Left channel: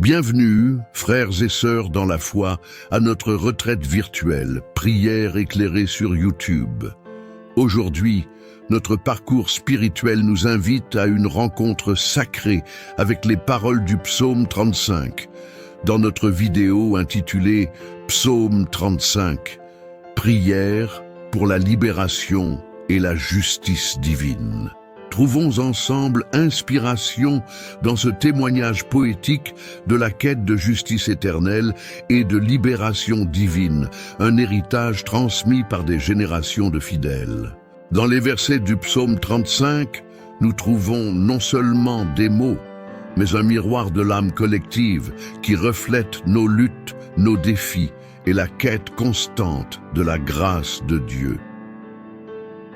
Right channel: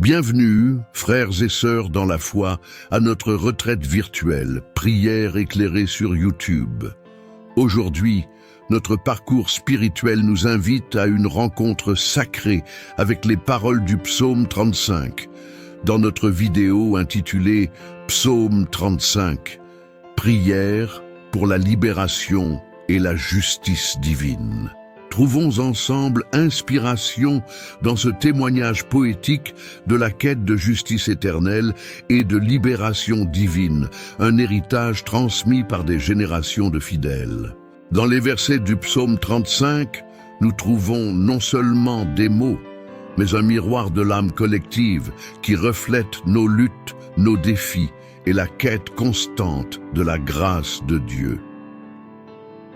Bienvenue, frères et sœurs dans la foi, à notre retraite virtuelle, prière éclairée sur YouTube. Aujourd'hui, notre parcours spirituel nous invite à une rencontre sacrée avec les paroles du psaume 35. Dans notre vidéo intitulée « Psaume 35 », prière pour la libération et la justice divine. Trouvons ensemble inspiration dans ce témoignage poétique de la quête de justice éternelle et de libération divine, un héritage transmis par des générations de fidèles. Dans les versets du psaume 35, nous trouvons non seulement des mots, mais un miroir de l'âme collective qui reflète nos luttes, nos défis et la quête constante de la grâce de Dieu.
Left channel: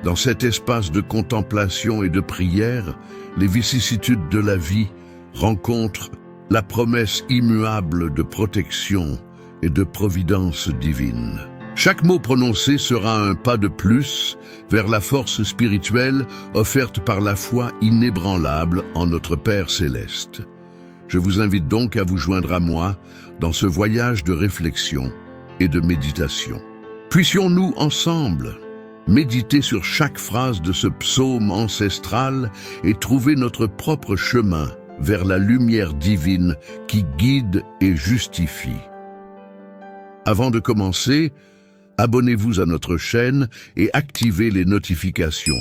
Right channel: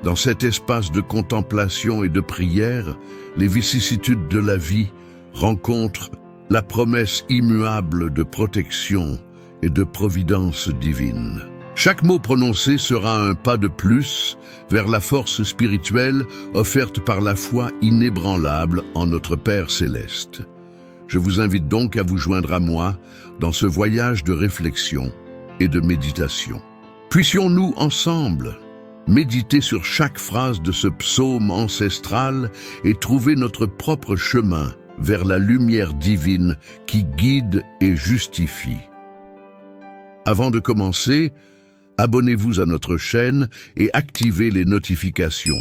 Dans cet espace de contemplation et de prière, les vicissitudes de la vie rencontrent la promesse immuable de protection et de providence divine. Chaque mot prononcé sera un pas de plus vers la force spirituelle offerte par la foi inébranlable en notre Père céleste. Je vous invite donc à vous joindre à moi dans ce voyage de réflexion et de méditation. Puissions-nous ensemble méditer sur chaque phrase de ce psaume ancestral et trouver notre propre chemin vers la lumière divine qui guide et justifie. Avant de commencer, abonnez-vous à notre chaîne et activez les notifications.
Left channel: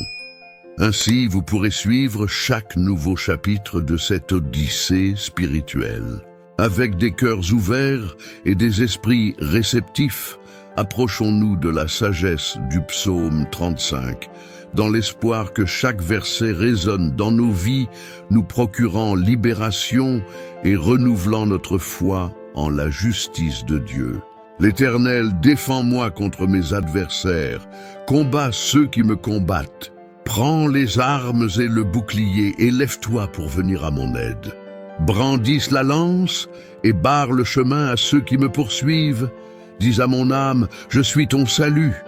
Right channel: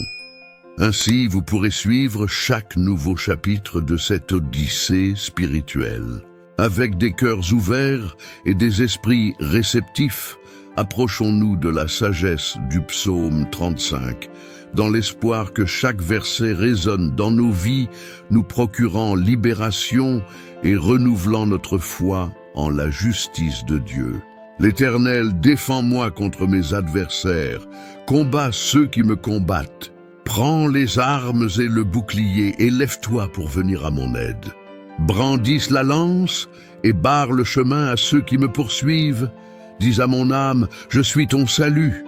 Ainsi, vous pourrez suivre chaque nouveau chapitre de cette odyssée spirituelle. Avec des cœurs ouverts et des esprits réceptifs, approchons-nous de la sagesse du psaume 35, dans l'espoir que chaque verset résonne dans nos vies, nous procurant libération et renouvelant notre foi en la justice de Dieu. L'Éternel, défends-moi contre mes adversaires, combat ceux qui me combattent. Prends les armes et le bouclier et lève-toi pour venir à mon aide. Brandisse la lance et barre le chemin à ceux qui me poursuivent. Dis à mon âme, je suis ton salut.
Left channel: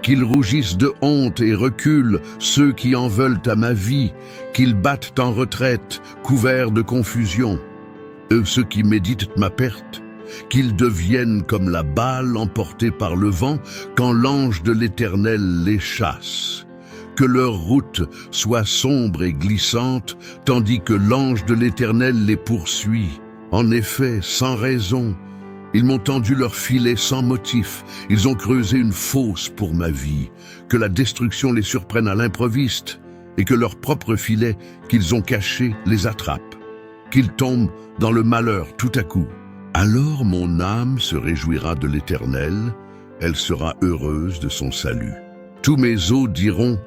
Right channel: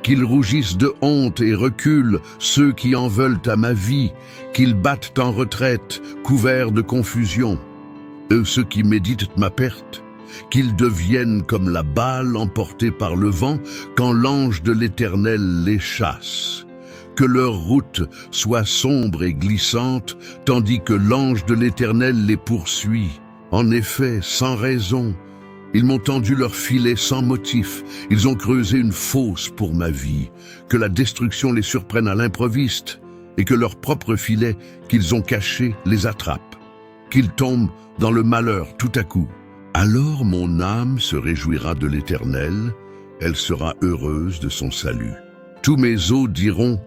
Qu'ils rougissent de honte et reculent ceux qui en veulent à ma vie, qu'ils battent en retraite, couverts de confusion. Ceux qui méditent ma perte, qu'ils deviennent comme la balle emportée par le vent quand l'ange de l'Éternel les chasse. Que leur route soit sombre et glissante, tandis que l'ange de l'Éternel les poursuit. En effet, sans raison, ils m'ont tendu leur filet sans motif, ils ont creusé une fosse pour ma vie. Que la destruction les surprenne à l'improviste, et que leur propre filet qu'ils ont caché les attrape. Qu'ils tombent dans le malheur tout à coup. Alors mon âme se réjouira de l'Éternel, elle sera heureuse de son salut. Tous mes os diront,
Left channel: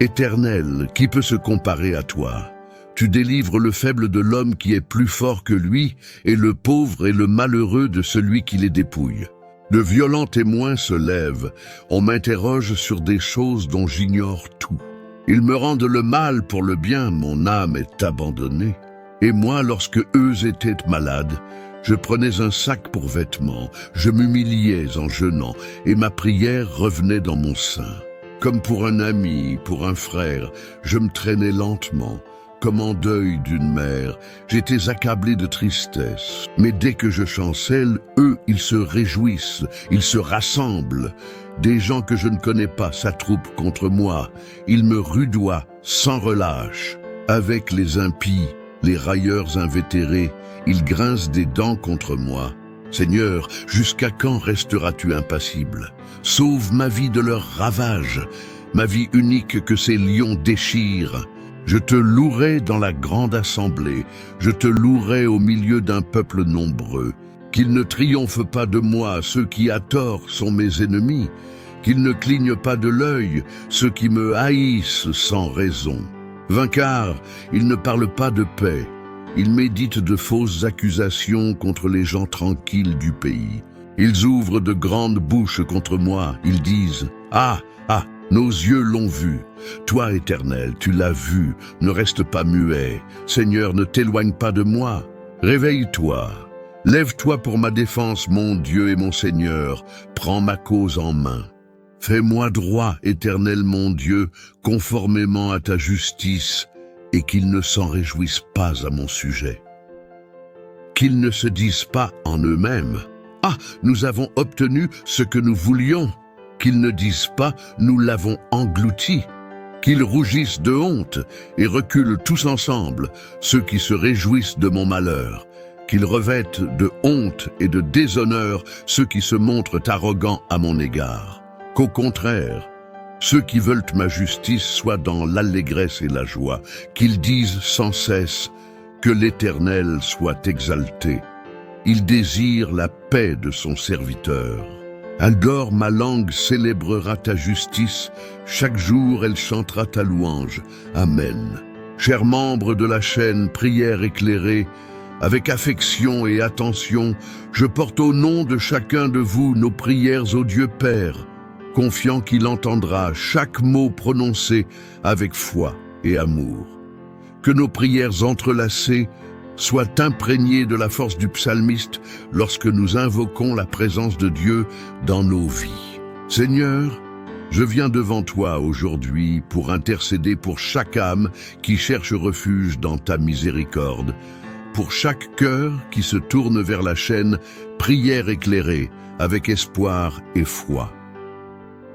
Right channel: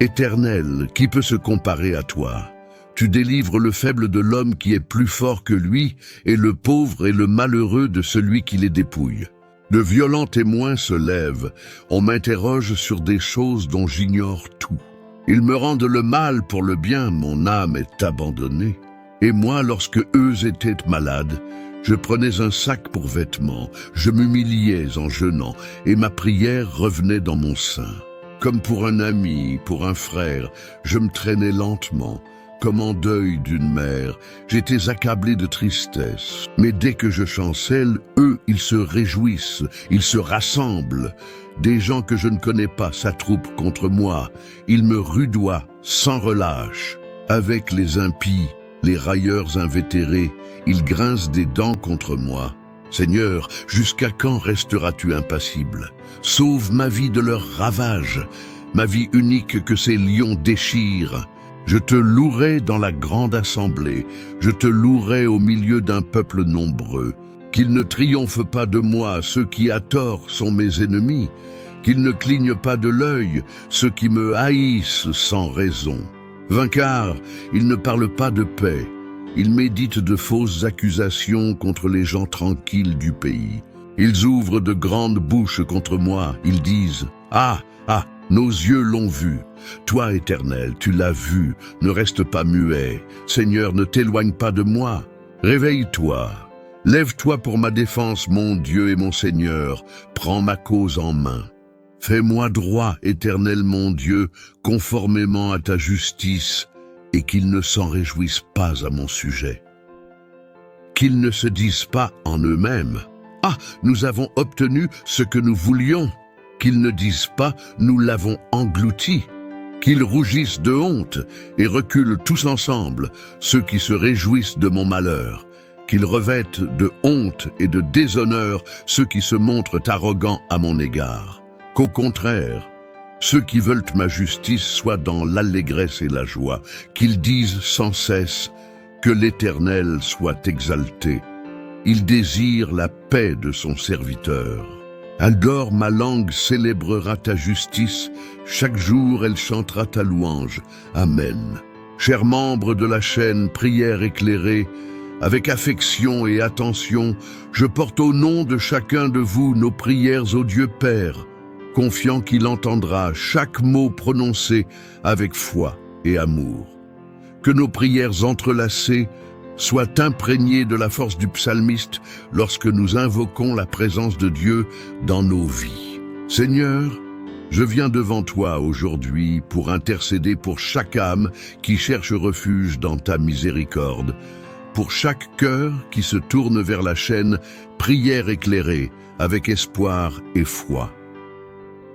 Éternel, qui peut se comparer à toi? Tu délivres le faible de l'homme qui est plus fort que lui, et le pauvre et le malheureux de celui qui les dépouille. De violents témoins se lèvent, on m'interroge sur des choses dont j'ignore tout. Ils me rendent le mal pour le bien, mon âme est abandonnée. Et moi, lorsque eux étaient malades, je prenais un sac pour vêtements, je m'humiliais en jeûnant, et ma prière revenait dans mon sein. Comme pour un ami, pour un frère, je me traînais lentement. Comme en deuil d'une mère, j'étais accablé de tristesse. Mais dès que je chancelle, eux, ils se réjouissent, ils se rassemblent. Des gens que je ne connais pas s'attroupent contre moi. Ils me rudoient sans relâche. Avec les impies, les railleurs invétérés, ils grincent des dents contre moi. Seigneur, jusqu'à quand resteras-tu impassible? Sauve ma vie de leurs ravages, ma vie unique que ces lions déchirent. Je te louerai dans la grande assemblée, je te louerai au milieu d'un peuple nombreux. Qu'ils ne triomphent pas de moi, ceux qui à tort sont mes ennemis. Qu'ils ne clignent pas de l'œil, ceux qui me haïssent sans raison. Vainqueurs, ils ne parlent pas de paix. Ils méditent de fausses accusations contre les gens tranquilles du pays. Ils ouvrent de grandes bouches contre moi. Ils disent « Ah, ah !» Nos yeux l'ont vu. Toi, Éternel, tu l'as vu. Ne reste pas muet. Seigneur, ne t'éloigne pas de moi. Réveille-toi. Lève-toi pour ma défense, mon Dieu et mon Seigneur. Prends ma cause en main. Fais-moi droit, Éternel mon Dieu, conformément à ta justice, et qu'ils ne s'en réjouissent pas à mon sujet. qu'ils ne se disent pas en eux-mêmes: Ah, nous avons obtenu ce que nous voulions, qu'ils ne disent pas: Nous l'avons englouti, qu'ils rougissent de honte et reculent tous ensemble, ceux qui se réjouissent de mon malheur, qu'ils revêtent de honte et de déshonneur ceux qui se montrent arrogants à mon égard. Qu'au contraire, ceux qui veulent ma justice soient dans l'allégresse et la joie, qu'ils disent sans cesse que l'Éternel soit exalté. Il désire la paix de son serviteur. Alors ma langue célébrera ta justice, chaque jour elle chantera ta louange. Amen. Chers membres de la chaîne Prière éclairée, avec affection et attention, je porte au nom de chacun de vous nos prières au Dieu Père, confiant qu'il entendra chaque mot prononcé avec foi et amour. Que nos prières entrelacées soient imprégnées de la force du psalmiste lorsque nous invoquons la présence de Dieu dans nos vies. Seigneur, je viens devant toi aujourd'hui pour intercéder pour chaque âme qui cherche refuge dans ta miséricorde, pour chaque cœur qui se tourne vers la chaîne Prière éclairée avec espoir et foi.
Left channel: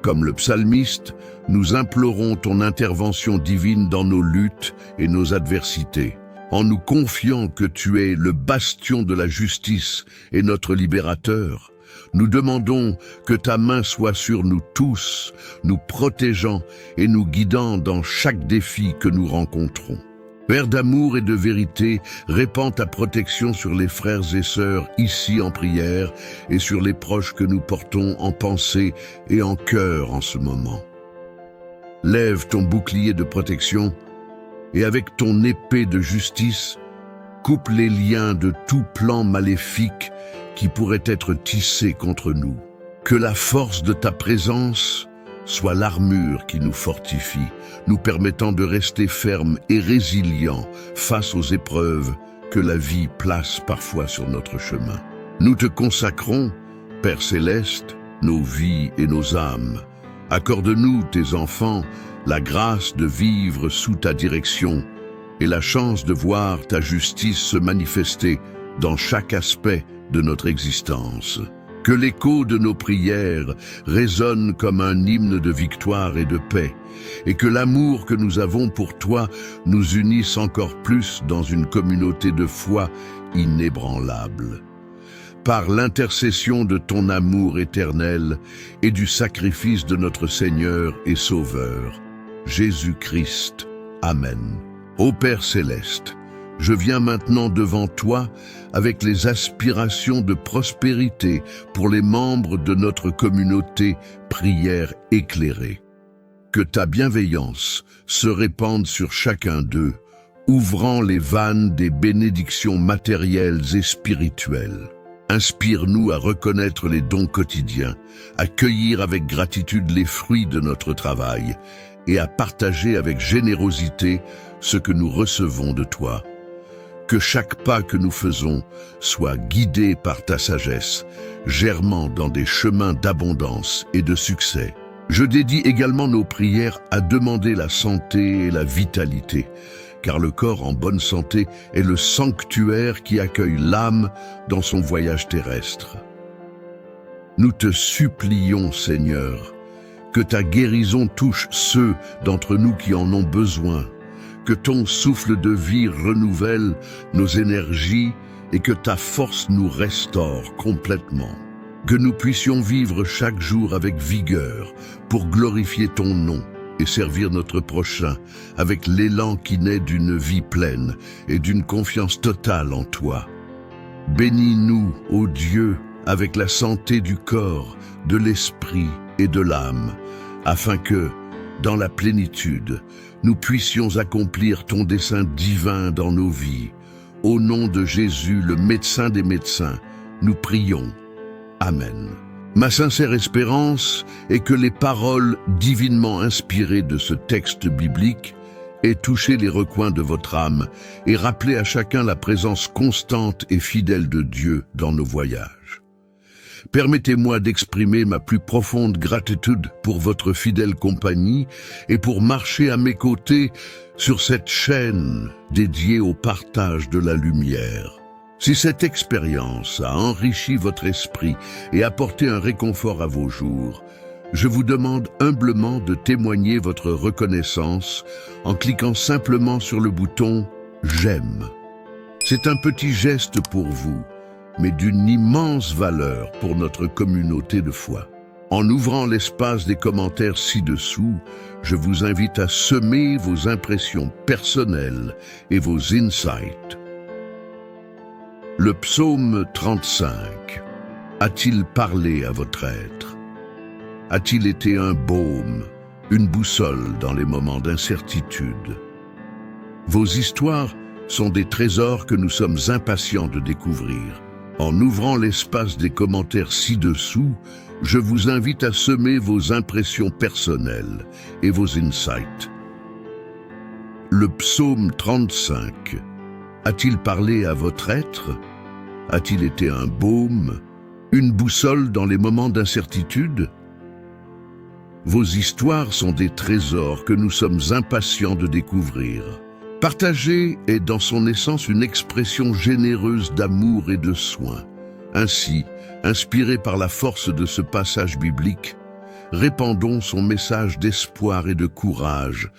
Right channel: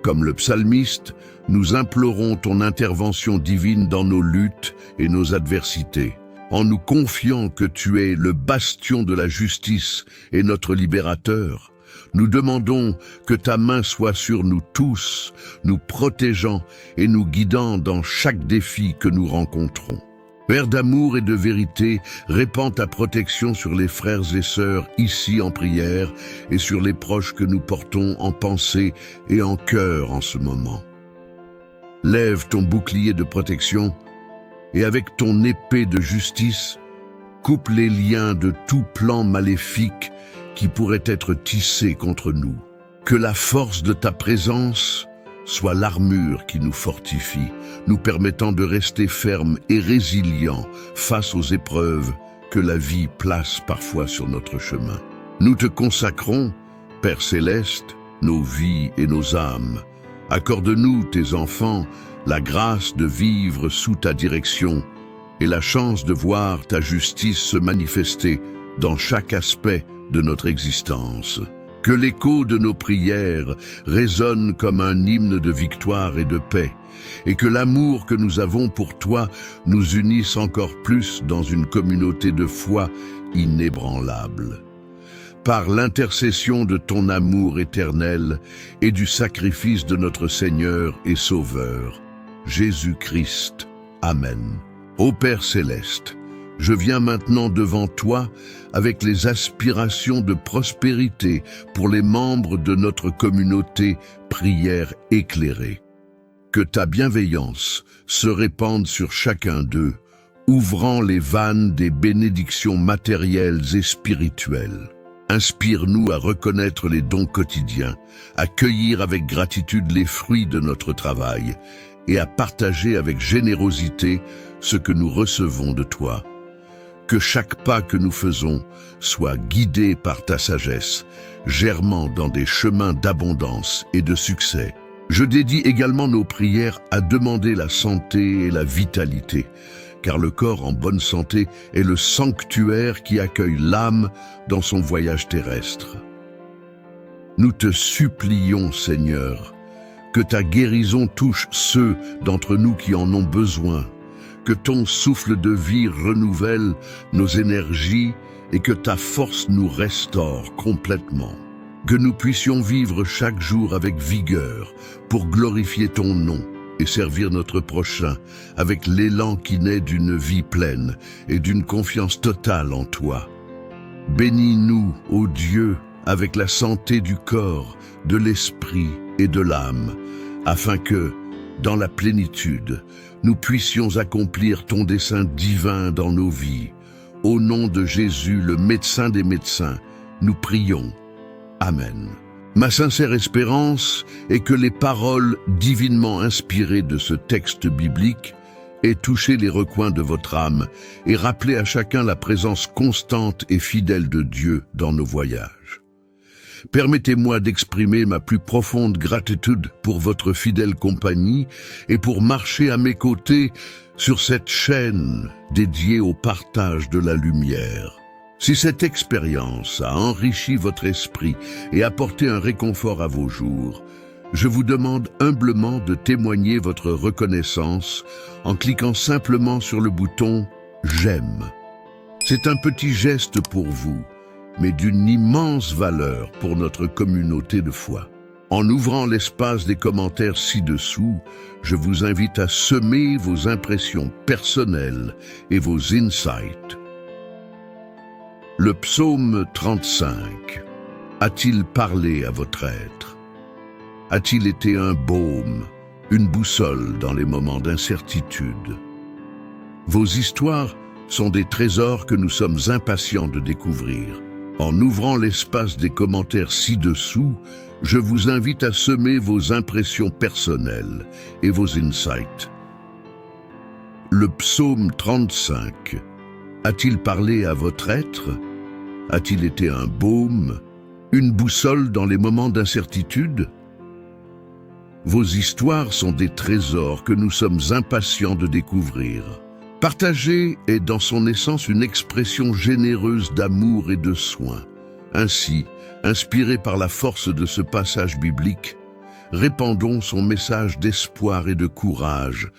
Comme le psalmiste, nous implorons ton intervention divine dans nos luttes et nos adversités, en nous confiant que tu es le bastion de la justice et notre libérateur. Nous demandons que ta main soit sur nous tous, nous protégeant et nous guidant dans chaque défi que nous rencontrons. Père d'amour et de vérité, répands ta protection sur les frères et sœurs ici en prière et sur les proches que nous portons en pensée et en cœur en ce moment. Lève ton bouclier de protection et avec ton épée de justice, coupe les liens de tout plan maléfique qui pourrait être tissé contre nous. Que la force de ta présence soit l'armure qui nous fortifie, nous permettant de rester fermes et résilients face aux épreuves que la vie place parfois sur notre chemin. Nous te consacrons, Père céleste, nos vies et nos âmes. Accorde-nous, tes enfants, la grâce de vivre sous ta direction et la chance de voir ta justice se manifester dans chaque aspect de notre existence. Que l'écho de nos prières résonne comme un hymne de victoire et de paix, et que l'amour que nous avons pour toi nous unisse encore plus dans une communauté de foi inébranlable. Par l'intercession de ton amour éternel et du sacrifice de notre Seigneur et Sauveur, Jésus-Christ. Amen. Ô Père céleste, je viens maintenant devant toi avec les aspirations de prospérité pour les membres de notre communauté Prière éclairée. Que ta bienveillance se répande sur chacun d'eux, ouvrant les vannes des bénédictions matérielles et spirituelles. Inspire-nous à reconnaître les dons quotidiens, à cueillir avec gratitude les fruits de notre travail et à partager avec générosité ce que nous recevons de toi. Que chaque pas que nous faisons soit guidé par ta sagesse, germant dans des chemins d'abondance et de succès. Je dédie également nos prières à demander la santé et la vitalité, car le corps en bonne santé est le sanctuaire qui accueille l'âme dans son voyage terrestre. Nous te supplions, Seigneur, que ta guérison touche ceux d'entre nous qui en ont besoin, que ton souffle de vie renouvelle nos énergies et que ta force nous restaure complètement. Que nous puissions vivre chaque jour avec vigueur pour glorifier ton nom et servir notre prochain avec l'élan qui naît d'une vie pleine et d'une confiance totale en toi. Bénis-nous, ô Dieu, avec la santé du corps, de l'esprit et de l'âme, afin que, dans la plénitude, nous puissions accomplir ton dessein divin dans nos vies. Au nom de Jésus, le médecin des médecins, nous prions. Amen. Ma sincère espérance est que les paroles divinement inspirées de ce texte biblique aient touché les recoins de votre âme et rappelé à chacun la présence constante et fidèle de Dieu dans nos voyages. Permettez-moi d'exprimer ma plus profonde gratitude pour votre fidèle compagnie et pour marcher à mes côtés sur cette chaîne dédiée au partage de la lumière. Si cette expérience a enrichi votre esprit et apporté un réconfort à vos jours, je vous demande humblement de témoigner votre reconnaissance en cliquant simplement sur le bouton « J'aime ». C'est un petit geste pour vous, mais d'une immense valeur pour notre communauté de foi. En ouvrant l'espace des commentaires ci-dessous, je vous invite à semer vos impressions personnelles et vos insights. Le psaume 35 a-t-il parlé à votre être? A-t-il été un baume, une boussole dans les moments d'incertitude? Vos histoires sont des trésors que nous sommes impatients de découvrir. En ouvrant l'espace des commentaires ci-dessous, je vous invite à semer vos impressions personnelles et vos insights. Le psaume 35 a-t-il parlé à votre être? A-t-il été un baume, une boussole dans les moments d'incertitude? Vos histoires sont des trésors que nous sommes impatients de découvrir. Partager est dans son essence une expression généreuse d'amour et de soin. Ainsi, inspiré par la force de ce passage biblique, répandons son message d'espoir et de courage,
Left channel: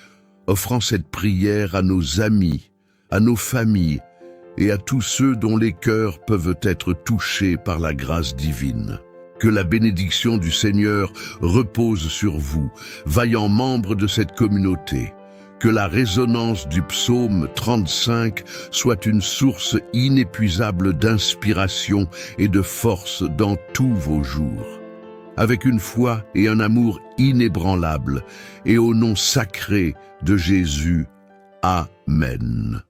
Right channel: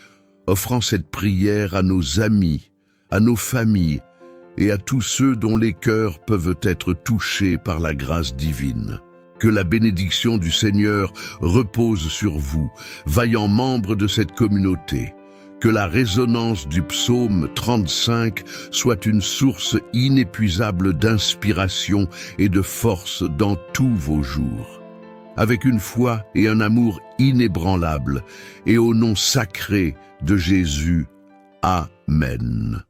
offrant cette prière à nos amis, à nos familles et à tous ceux dont les cœurs peuvent être touchés par la grâce divine. Que la bénédiction du Seigneur repose sur vous, vaillants membres de cette communauté. Que la résonance du psaume 35 soit une source inépuisable d'inspiration et de force dans tous vos jours. Avec une foi et un amour inébranlables, et au nom sacré de Jésus. Amen.